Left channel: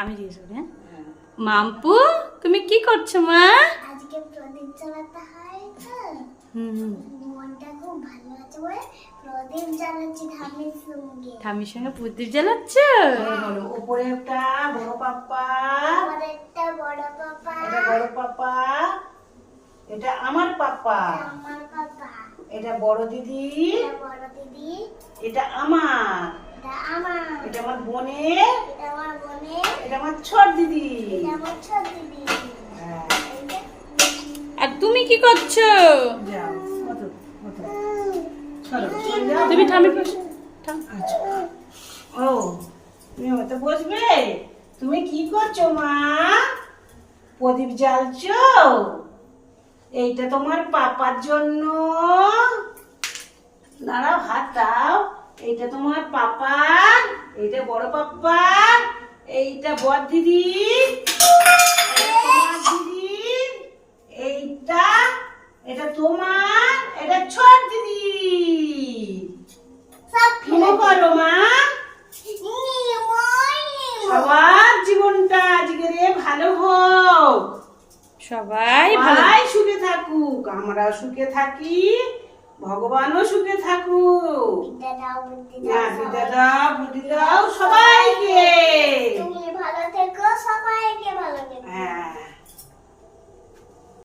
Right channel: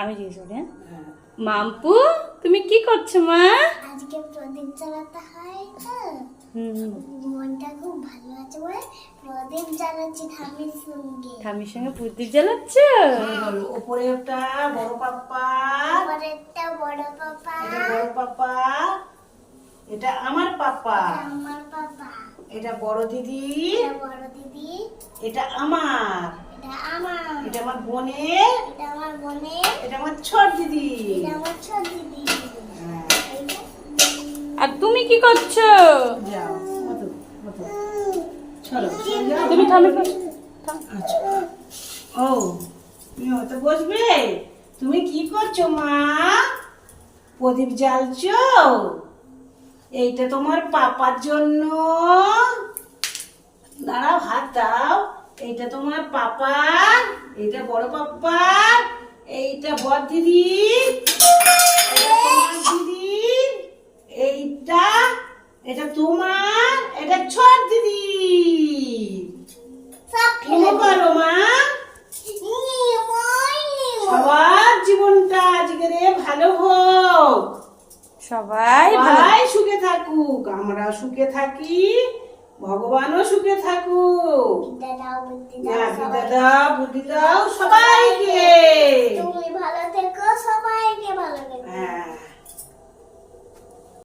আমি জিজ্ঞেস করি। হ্যাঁ, মাম্পু তুমি কি করছো মা? আজকে প্রদীপ জ্বালাতে হয় তো মনটা খুব ভালো আছে বলে প্রদীপ জ্বালাচ্ছি ঠাম্মির সঙ্গে। ঠাম্মির সঙ্গে প্রদীপ জ্বালাচ্ছ? উপরে একটা বড় পাপ্পা, একটা বড় পাপা, এটা বড় পাপ্পা, এটা আমার পাপ্পা, আমার পাপা, এটা বড় দিদি, এটা বড় দিদি, এটা আমার, এটা আমার, এটা আমার বোনের, এটা আমার বোনের, এটা আমার ছোট দিদি। এটা আমার ছোট দিদি। হ্যাঁ, আর তুমি কি করছো? যাও, ওঠো, ওঠো। চলো, চলে যাও। তুমি ঠাম্মির পাশে আচ্ছা। ও তুমি ওতে বসবে? তুমি কি করছো মা? প্রদীপ জ্বালছো? এইটা তোমার পাপার জন্য। দাঁড়াও, হাত দাও। এইটা তোমার পাপার, এইটা বড় পাপ্পার, এইটা বড় দিদি, এটা তোমার দিদি, এইটা, এটা তোমার, এটা ছোট দিদি। সব কি করো মা? সবার জীবনটা আজকে ভালো হোক, সবাই ভালো। সবাই সুখে থাকুক, আমরা সুখে থাকি, ভগবানও সুখে থাকুক। দাদা বুদ্ধি না, দাও, দাদা বুদ্ধি দাও সবাইকে। তুমি ভালো থেকো, সবাইকে ভালো থেকো। হ্যাঁ।